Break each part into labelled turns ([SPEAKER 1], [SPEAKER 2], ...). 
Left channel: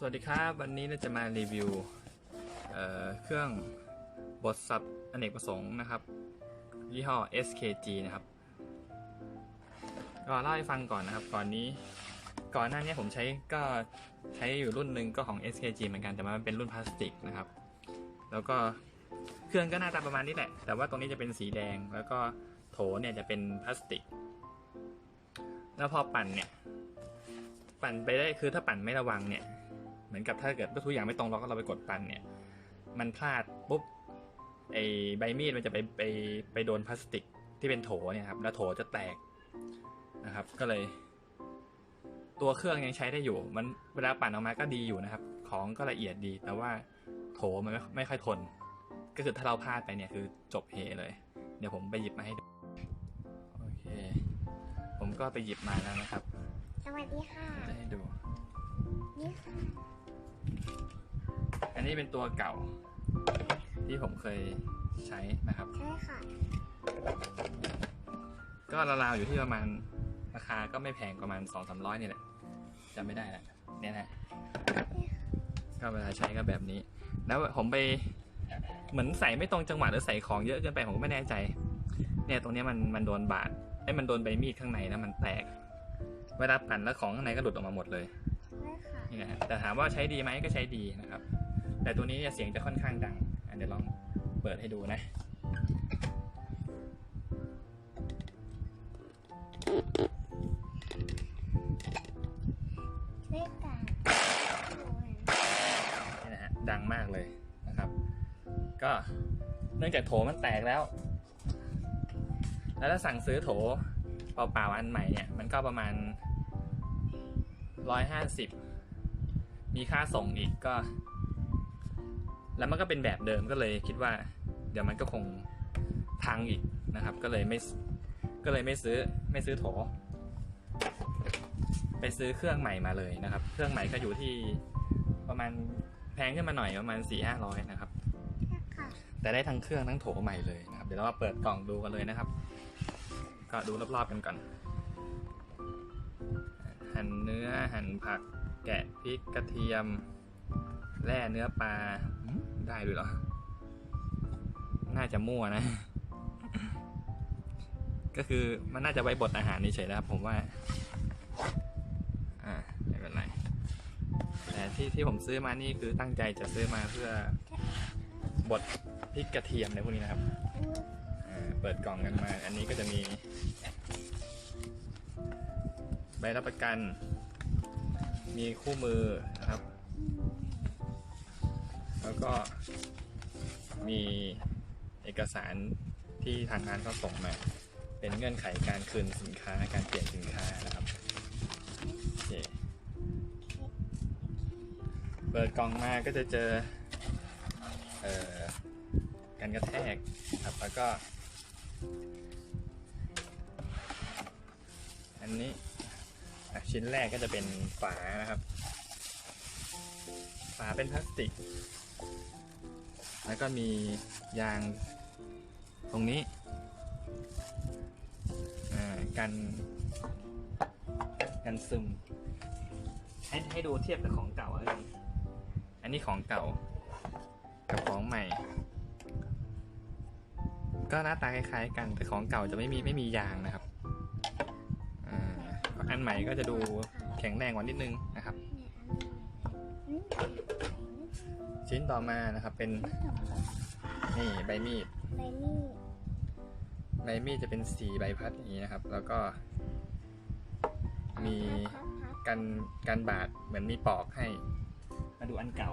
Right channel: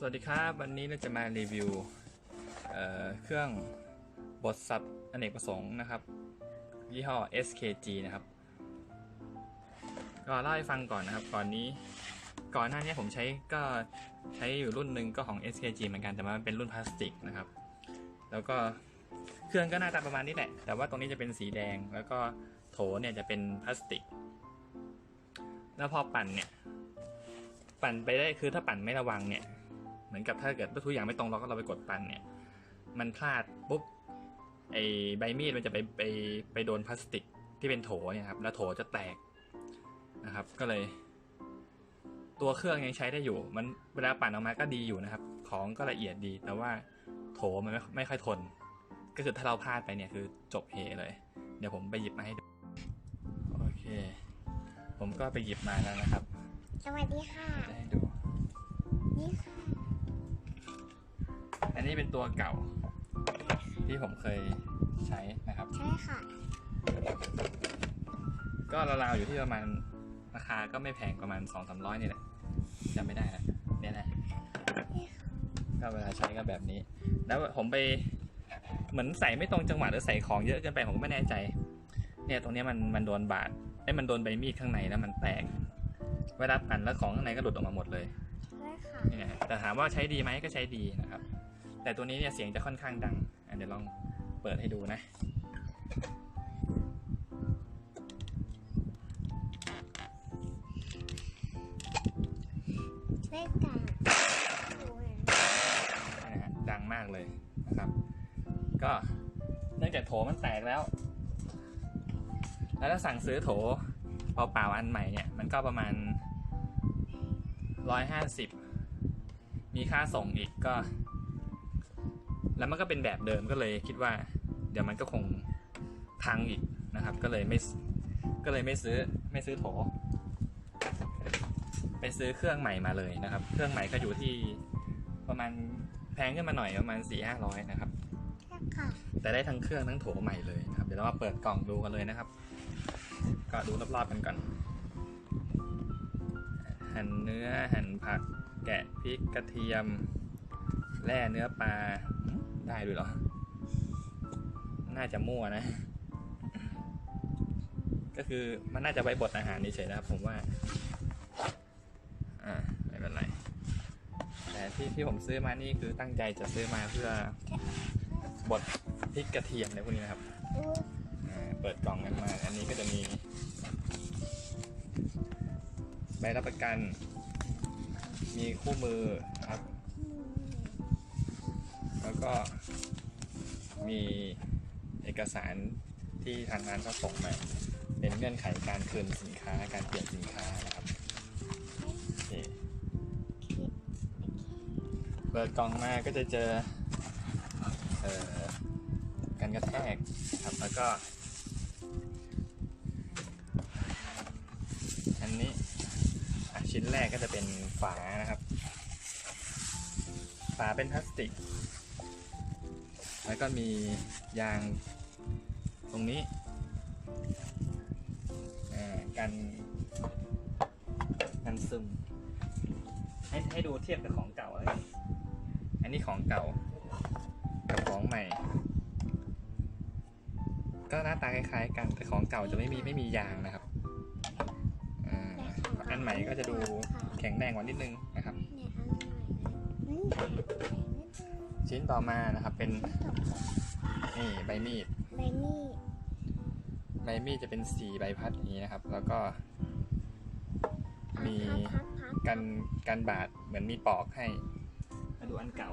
[SPEAKER 1] สวัสดีครับ วันนี้เราจะมารีวิวเเครื่องบดสับอเนกประสงค์นะครับ ยี่ห้อ SKG นะครับก็เล่าให้ฟังก่อนนะครับ ก่อนนี้ก่อนหน้านี้ผมใช้ก็ใช้อยู่รุ่นหนึ่งก็ของ SKG เหมือนกันแต่มันเป็นรุ่นพลาสติกนะครับ แล้วก็เครื่องก็หน้าตาประมาณนี้แหละ แต่ว่าตรงนี้จะเป็นสีแดงแล้วก็โถเนี่ยจะเป็นพลาสติก แล้วพอปั่นเนี่ยปั่นไปได้คือถ้าปั่นไม่ระวังเนี่ย เหมือนกับถ้าเกิดทุกอย่างไม่ตรงเราก็เราไปกดปั่นเนี่ย มันพลาดปุ๊บไอใบมีดมันจะไปไปไปโดนพลาสติกที่เป็นโถเนี่ยครับแล้วโถจะแตกนะครับ ก็เลย ตัวเครื่องยังใช้ได้อยู่ มันเวลาปั่นออกมาก็ดีอยู่นะครับ ของก็ละเอียดดี แต่ว่าโถมันไม่ไม่ค่อยทน ก็คือถ้าเราพลาดไปเนี่ยคือจบเฮเลย เดี๋ยวผมไปหยิบมาให้ดูโอเค ผมก็ไปหยิบมาแล้วนะครับ
[SPEAKER 2] สวัสดีค่ะ
[SPEAKER 1] จะให้ดู
[SPEAKER 2] นี่ค่ะ
[SPEAKER 1] อันนี้เป็นตัวเก่าที่ผมเคยใช้นะครับ
[SPEAKER 2] ใช่ค่ะ
[SPEAKER 1] ก็ราวๆอยู่ที่ประมาณราคาก็ไม่แพงประมาณ2 3 0 0นี่แหละจำไม่ได้แล้วเนี่ยนะก็เวลาใช้ก็แบบนี้ แล้วผมไปเหมือนใส่ไม่ตรงจังหวะหรือใส่ของเยอะเกินไปผมก็ไม่แน่ใจ เนี่ยตรงเนี้ยมันมันโดนบาดไอ้ยมันโดนใบมีดข้างในแล้วมันแตก เวลาปั่นแล้วของข้างในก็หลุดออกมาหมดเลย
[SPEAKER 2] ใช่ค่ะ
[SPEAKER 1] นี่นะฮะแต่ถามว่าใช้ดีไหมก็ใช้ดีนะครับ แต่ตัวนี้เนี่ยเสียงจะค่อนข้างดังเดี๋ยวลองเปิดให้ดูนะ
[SPEAKER 2] นะ
[SPEAKER 1] ฮะดังมากเลยนะครับ ก็เนื่องจากโถมันแตกแล้ว แล้วถ้าสั่งซื้อโถเปล่าๆอันใหม่เนี่ย มันก็ประมาณร้อยห้าสิบมีค่าส่งอีกก็ แล้วมันก็เป็นแบบเดิมก็เลยคิดว่า เดี๋ยวมันก็คงพังอีกนะครับ ก็เลยไม่ก็เลยไม่ซื้อไม่ซื้อโถ ไปซื้อเครื่องใหม่มาเลยนะครับ เครื่องใหม่ก็อยู่ที่ประมาณแพงขึ้นมาหน่อยประมาณสี่ห้าร้อยนะครับ
[SPEAKER 2] ใช่ค่ะ
[SPEAKER 1] แต่ได้ทั้งเครื่องทั้งโถใหม่เลยนะครับ เดี๋ยวเรามาเปิดกล่องดูกันเลยนะครับ ก็ดูรอบๆกันก่อน หั่นเนื้อหั่นผัก แกะพริกกระเทียมแล่เนื้อปลาหืม ได้ด้วยเหรอ น่าจะมั่วนะ ก็คือมันน่าจะไว้บดอาหารนี่เฉยนะครับผมว่า อ่าไม่เป็นไรแต่ที่ที่ผมซื้อมานี่คือตั้งใจจะซื้อมาเพื่อบดพริกกระเทียมในพวกนี้นะครับ เปิดกล่องกันมา อันนี้ก็จะมี ใบรับประกัน มีคู่มือ ก็มีเอกสารที่ทางร้านเขาส่งมา เป็นเงื่อนไขการคืนสินค้าการเปลี่ยนสินค้านะครับโอเคเปิดกล่องมาก็จะเจอเอ่อการกระแทกครับแล้วก็ อันนี้ชิ้นแรกก็จะเป็นฝานะครับ ฝาเป็นพลาสติก แล้วก็มียางตรงนี้อ่ากันกันซึม ให้ให้ดูเทียบกับของเก่าเลยอันนี้ของเก่า กับของใหม่ ก็หน้าตาคล้ายๆกันแต่ของเก่าจะไม่มีไม่มียางนะครับอ่าอันใหม่ก็จะดูแข็งแรงกว่านิดนึงนะครับ ชิ้นต่อมานะครับ เป็นนี่ใบมีด
[SPEAKER 2] ใบมีด
[SPEAKER 1] ใบมีดจะเป็นสีใบพัดอย่างนี้นะครับ แล้วก็มี
[SPEAKER 2] พับพับ
[SPEAKER 1] กันกันบาดเหมือนมีปอกให้ มาดูอันเก่า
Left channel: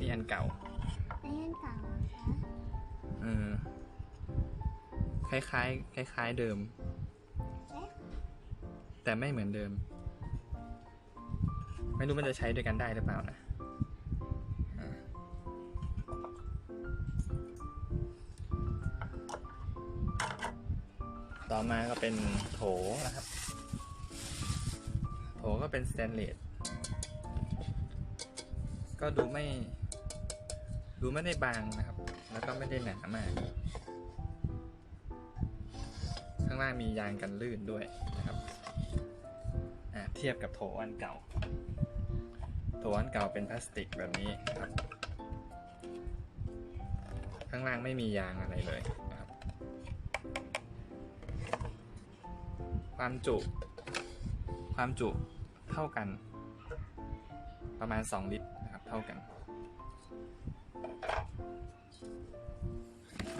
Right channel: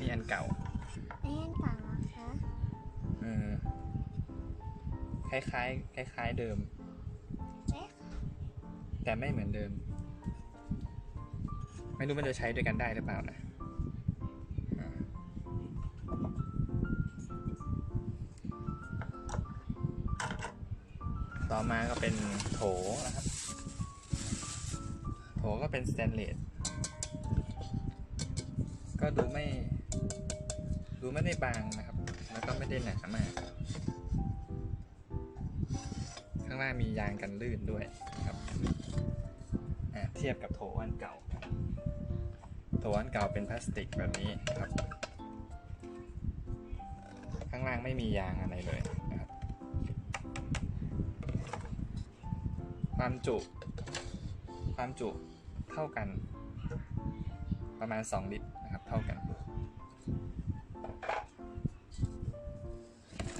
[SPEAKER 1] นี่อันเก่า
[SPEAKER 2] ไอ้อันเก่าเหรอคะ
[SPEAKER 1] เออคล้ายๆคล้ายๆเดิม
[SPEAKER 2] ใช่ค่ะ
[SPEAKER 1] แต่ไม่เหมือนเดิม ไม่รู้มันจะใช้ด้วยกันได้หรือเปล่านะต่อมาก็เป็นโถนะครับ โถก็เป็นสแตนเลส ก็ดูไม่ ดูไม่ได้บางนะครับ แล้วก็ไม่ได้หนามาก ข้างล่างมียางกันลื่นด้วยนะครับ เทียบกับโถอันเก่า โถอันเก่าเป็นพลาสติกแบบนี้ครับ ข้างล่างไม่มียางอะไรเลยนะครับ ความจุ ความจุเท่ากัน ประมาณ 2 ลิตรนะครับ เท่ากัน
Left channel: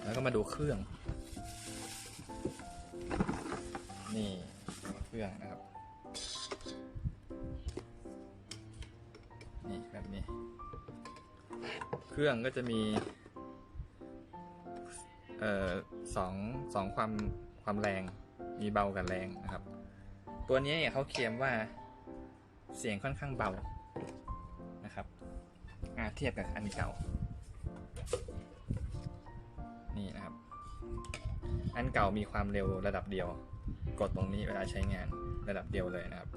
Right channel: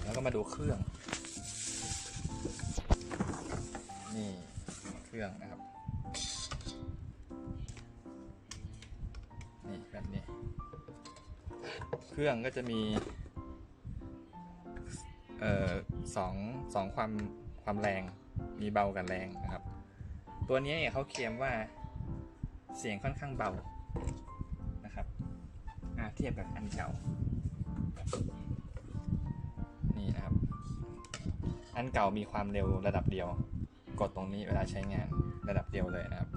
[SPEAKER 1] แล้วก็มาดูเครื่อง นี่เครื่องนะครับ รื่องก็จะมีเอ่อสองสองความความแรงมีเบากับแรงนะครับ ตัวนี้เนี่ยเขาเคลมว่าเสียงค่อนข้างเบานะครับอ่าเทียบกับอันเก่านี่นะครับ อันเก่ามีความเร็วระดับเดียว กดตรงนี้เวลาใช้งานระดับเดียวเลยนะครับ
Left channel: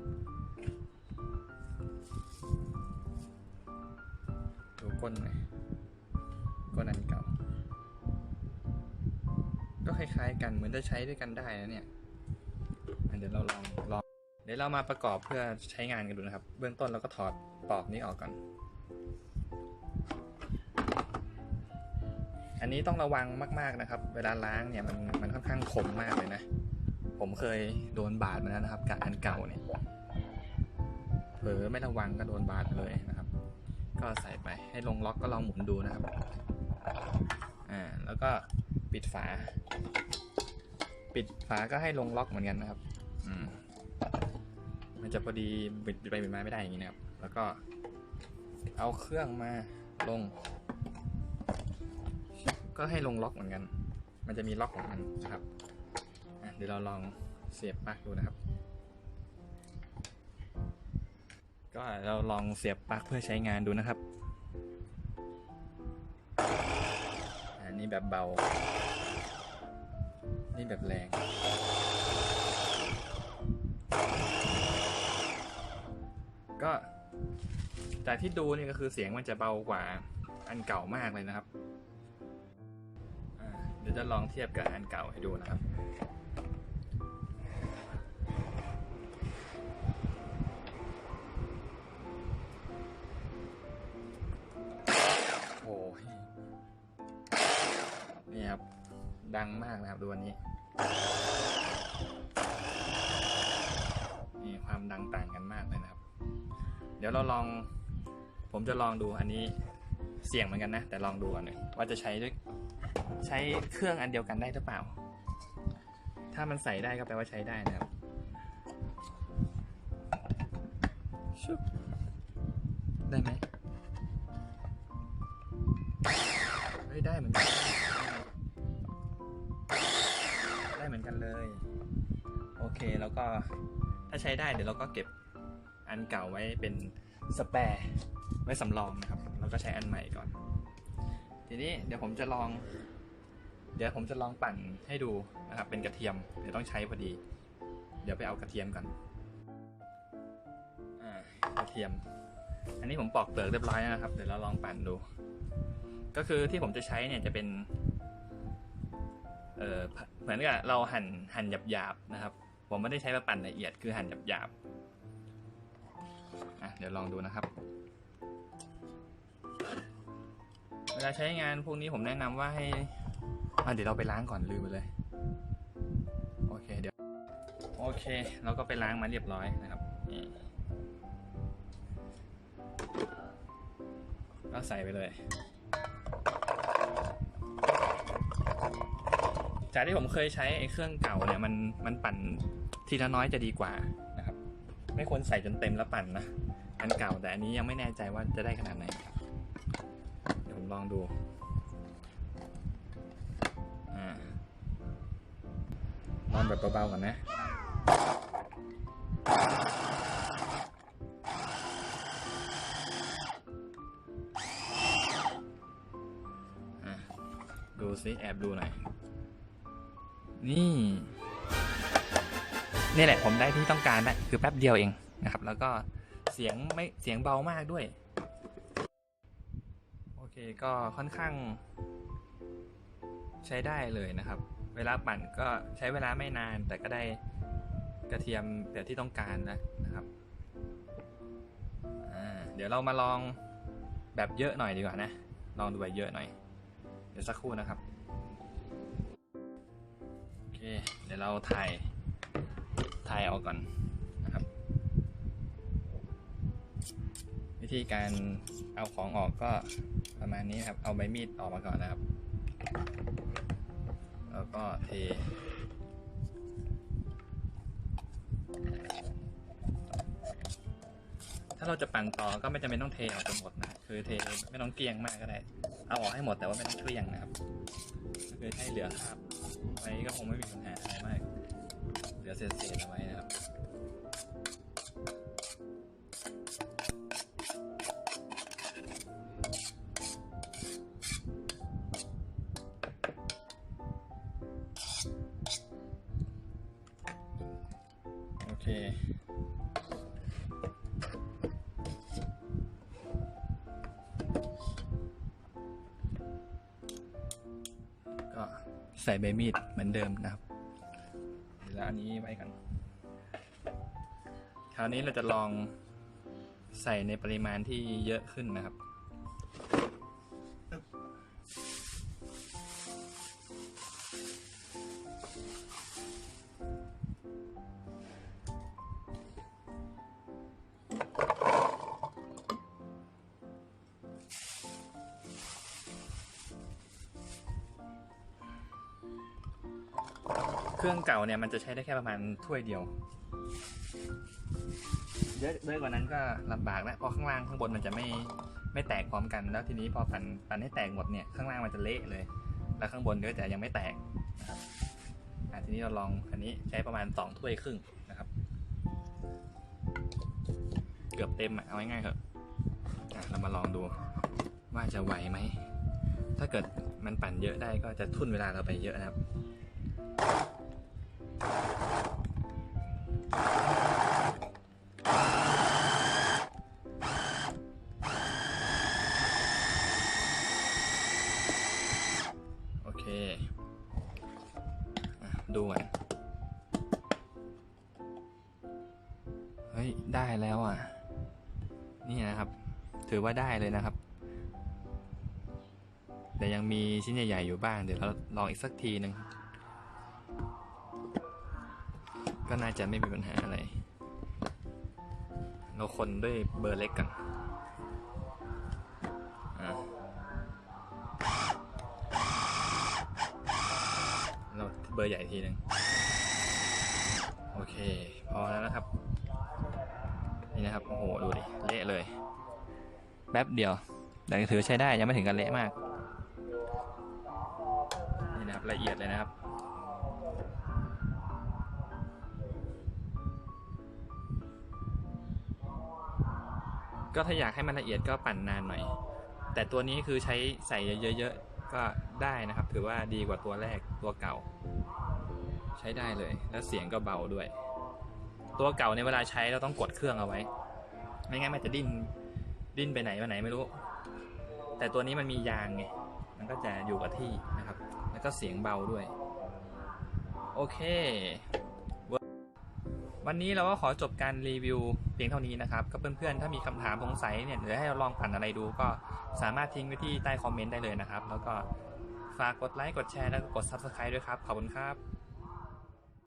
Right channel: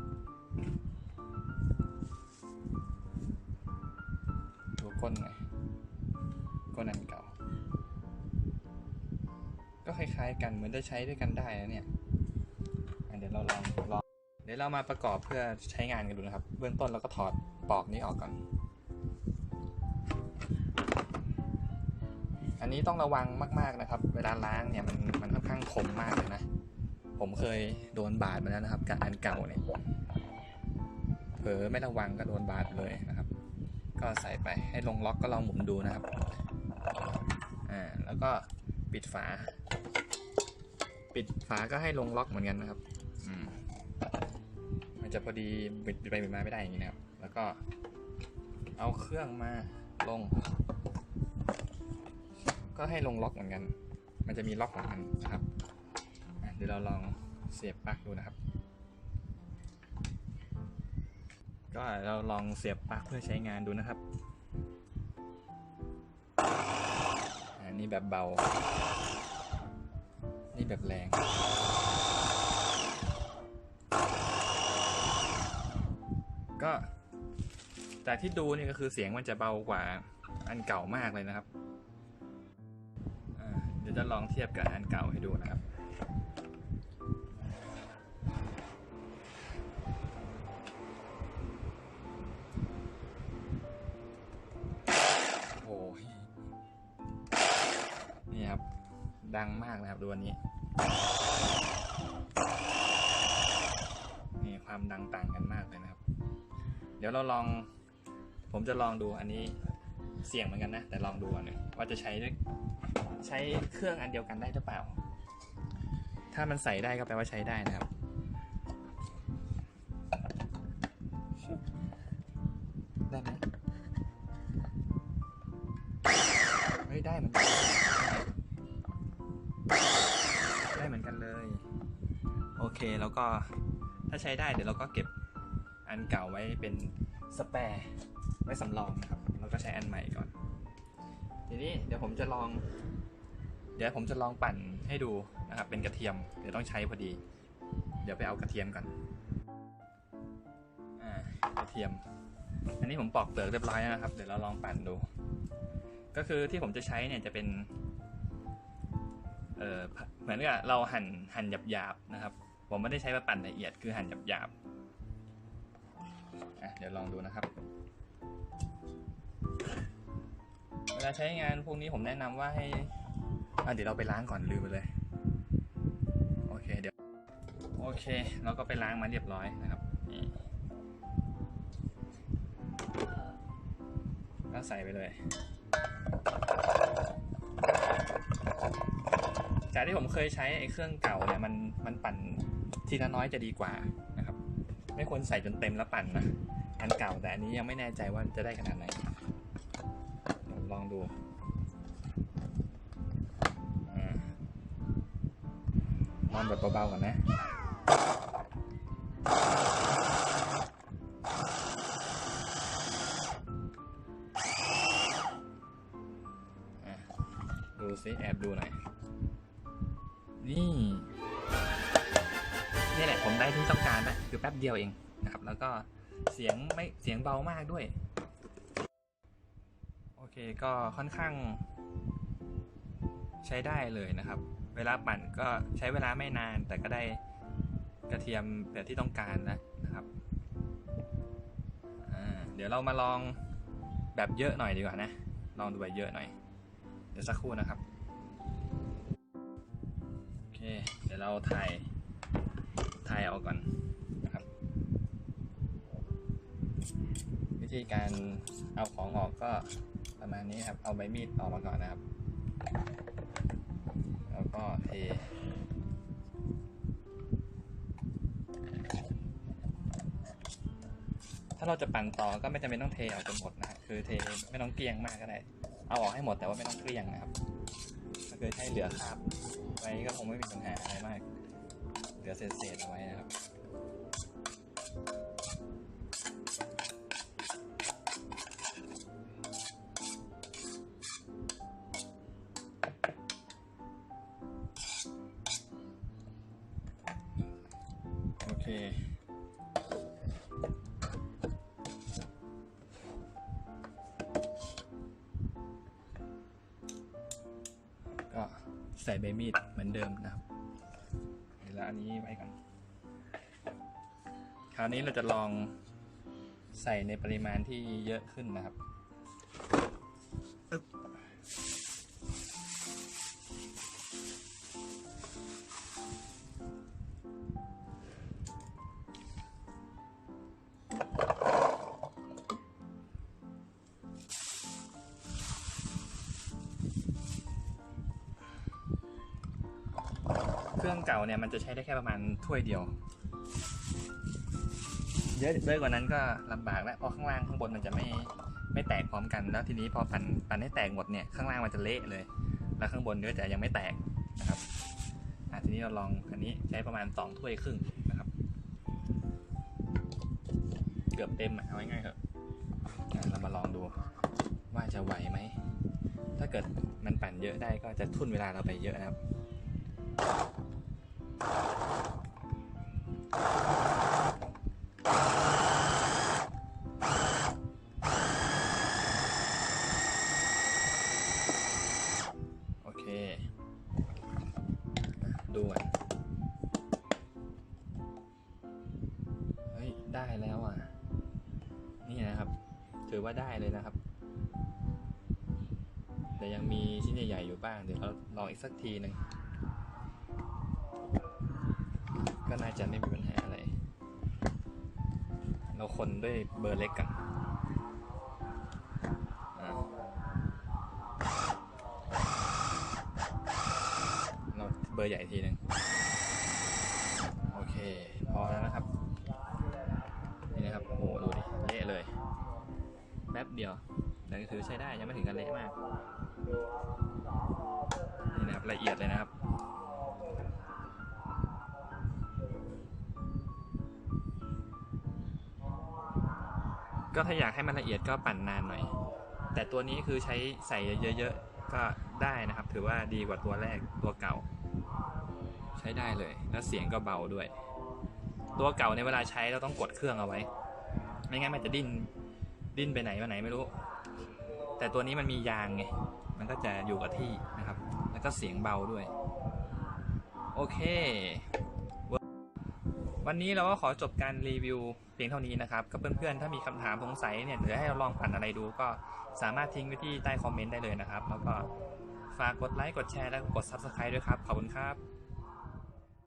[SPEAKER 1] ดูก้นหน่อย ก้นอันเก่า ก็คล้ายๆ กันเหมือนจะใช้ด้วยกันได้นะเนี่ยเดี๋ยวเราลองลองเดี๋ยวเรามาประกอบเพื่อใช้งานกันดูนะครับ เบื้องต้นเราก็ถอดปลอกนี้ออกก่อน อันนี้ต้องระวังมาก ๆนะครับ เวลาล้างเนี่ยมันมันค่อนข้างคมมากเลยนะ ผมเคยโดนบาดมาแล้วนะครับกับอันเก่าเนี่ยเผลอไม่ระวังก็โดนบาดเลยนะครับ ก็ใส่ไปให้ลงล็อกก็ลองหมุนดูนะครับ อ่าแล้วก็ปิดฝา ปิดฝาก็ให้ลงล็อกเหมือนกันนะครับ อืมมันจะพอดีบิดไปบิดมาไม่ได้อย่างนี้นะครับ แล้วก็ เอาเครื่องมาลง ก็ให้ลงล็อกเหมือนกัน มันจะมีล็อกของมันนะครับอะเดี๋ยวเราลองเสียบปลั๊กดูนะครับ ก็เราลองเสียบปลั๊กเพื่อใช้งานดูนะครับ นี่แบบเบา นี่แบบแรง ก็ แต่ที่ดูนี่ก็คือเสียงมันจะเบากว่าอันเก่ามากเลยนะครับ เดี๋ยวจะลองเทียบกับอันเก่าให้ดูนะครับ ดังมากนะครับดูอันนี้ นี่ความดังต่างกันมากเลยนะครับ เดี๋ยวเราลอง ผมจะลองดูอันนี้เสี่ยงเหมือนกันนะ แต่ลองดูก่อนเนี่ยว่าจะใช้ใช้เครื่องอันเดียวกันได้หรือเปล่า ถ้ามันใส่ได้ก็แปลว่าใช้ได้นะครับชึบได้ไหมเฮ้ยได้เหมือนกัน ก็ถ้าใช้ได้เดี๋ยวเราก็เก็บอันเก่าไว้เป็นสแปร์ไว้สำรองนะครับ แล้วก็ใช้อันใหม่ก่อน ทีนี้เดี๋ยวผมจะลอง เดี๋ยวผมจะลองปั่นให้ดูนะครับ เป็นกระเทียม เดี๋ยวต้องใช้พอดี เดี๋ยวไปเอากระเทียมก่อนอ่ากระเทียม อันนี้ผมปอกเปลือกเรียบร้อยแล้วนะครับ เดี๋ยวเราลองปั่นดู ก็คือที่ผมจะใช้เนี่ยจะเป็นเออเหมือนกับเราหั่นหั่นหยาบๆนะครับ ผมไม่ได้ใช้มาปั่นละเอียดคือหั่นหยาบๆเดี๋ยวลองดูนะครับ เวลาใช้งานพวกนี้ผมแนะนำว่าให้เดี๋ยวเราไปล้างก่อนลืมไปเลย โอเคเดี๋ยว โอเคเราก็ไปล้างมาเรียบร้อยนะครับก็ใส่ไปเลย จากที่ผมเคยใช้ไอ้เครื่องเก่าเนี่ยมันมันปั่นทีละน้อยจะดีกว่านะครับ ไม่ควรใส่จนเต็มแล้วปั่นนะอันเก่าแต่อันนี้ยังไม่แน่ใจว่าจะได้ขนาดไหนเดี๋ยวผมลองดูอ่าลองแบบเบาๆก่อนนะอะดูซิแอบดูหน่อย นี่ นี่แหละผมได้ที่ต้องการนะคือแป๊บเดียวเองนะครับ แล้วก็เสียงไม่เสียงเบามากด้วย โอเคก็ค่อนข้าง ใช้ได้เลยนะครับ เวลาปั่นก็ใช้เวลาไม่นานแต่ก็ได้กระเทียมแบบที่ต้องการแล้วนะครับเดี๋ยวเรามาลองแบบเยอะหน่อยดีกว่านะ ลองดูแบบเยอะหน่อย เดี๋ยวสักครู่นะครับ เดี๋ยวเราถ่าย ถ่ายออกก่อนนะครับ วิธีการเอาของออกก็ประมาณนี้ครับ เอาใบมีดออกมาก่อนนะครับ แล้วก็เทถ้าเราจะปั่นต่อก็ไม่จำเป็นต้องเทออกจนหมดนะฮะคือเทไม่ต้องเกลี้ยงมากก็ได้ เอาออกให้หมดแต่ว่าไม่ต้องเกลี้ยงนะครับ ก็คือให้เหลือคราบ ไว้ก็คงไม่มีปัญหาอะไรมาก เหลือเศษๆเอาไว้นะครับโอเค ใส่ใบมีดเหมือนเดิมนะครับเดี๋ยวอันนี้ไว้กัน คราวนี้เราจะลองใส่ในปริมาณที่เยอะขึ้นนะครับ เครื่องเก่าเนี่ยมันจะใช้ได้แค่ประมาณถ้วยเดียว เยอะเยอะกว่านั้นก็ลำบากแล้วเพราะข้างล่างข้างบนมันจะไม่ไม่แตกพร้อมกันแล้วทีนี้พอปั่นปั่นให้แตกหมดเนี่ยข้างล่างมันจะเละเลย แล้วข้างบนก็จะยังไม่แตกนะครับทีนี้เราลองอันนี้ใช้ประมาณสองถ้วยครึ่งนะครับ เกือบเต็มอะเอาง่ายๆเถอะอะเรามาลองดูว่าจะไหวไหม ถ้าเกิดมันปั่นเยอะได้ก็จะทุ่นเวลาเราไปเยอะนะครับ ได้เลยนะครับ แต่ยังมีชิ้นใหญ่ๆอยู่บ้าง เดี๋ยวเราลองอีกสักทีหนึ่งก็น่าจะไม่มีปัญหาอะไร เราคนด้วยเบอร์เล็กกันเราเบอร์ใหญ่ทีหนึ่งโอเค พอแล้วนะครับ นี่นะครับ โอ้โห ดูดิ เละเลย แป๊บเดียวแต่ถือใช้ได้ยังไม่ถึงกันเละมาก นี่นะครับละเอียดเลยนะครับก็ถ้าอยากให้มันละเอียดก็ปั่นนานหน่อย แต่ตัวนี้คือใช้ใส่เยอะๆ ก็ได้นะครับ ถือว่าดีกว่าตัวแรกตัวเก่า ใช้ได้เลย แล้วเสียงก็เบาด้วย ตัวเก่าในเวลาใช้เราต้องกดเครื่องเอาไว้ ไม่งั้นมันจะดิ้น ดิ้นไปไหนมาไหนไม่รู้ แต่ตัวนี้มันมียางไง มันก็จะอยู่กับที่นะครับ แล้วก็เสียงเบาด้วย โอเค วันนี้เราก็ขอจบการรีวิวเพียงเท่านี้นะครับ ก็เพื่อนๆ ถ้ามีคำถามสงสัยเนี่ยหรือให้เราลองปั่นอะไรดูก็สามารถทิ้งไว้ที่ใต้คอมเมนต์ได้เลยนะครับ แล้วก็ฝากกดไลค์ กดแชร์ แล้วก็กด Subscribe ด้วยครับ ขอบคุณครับ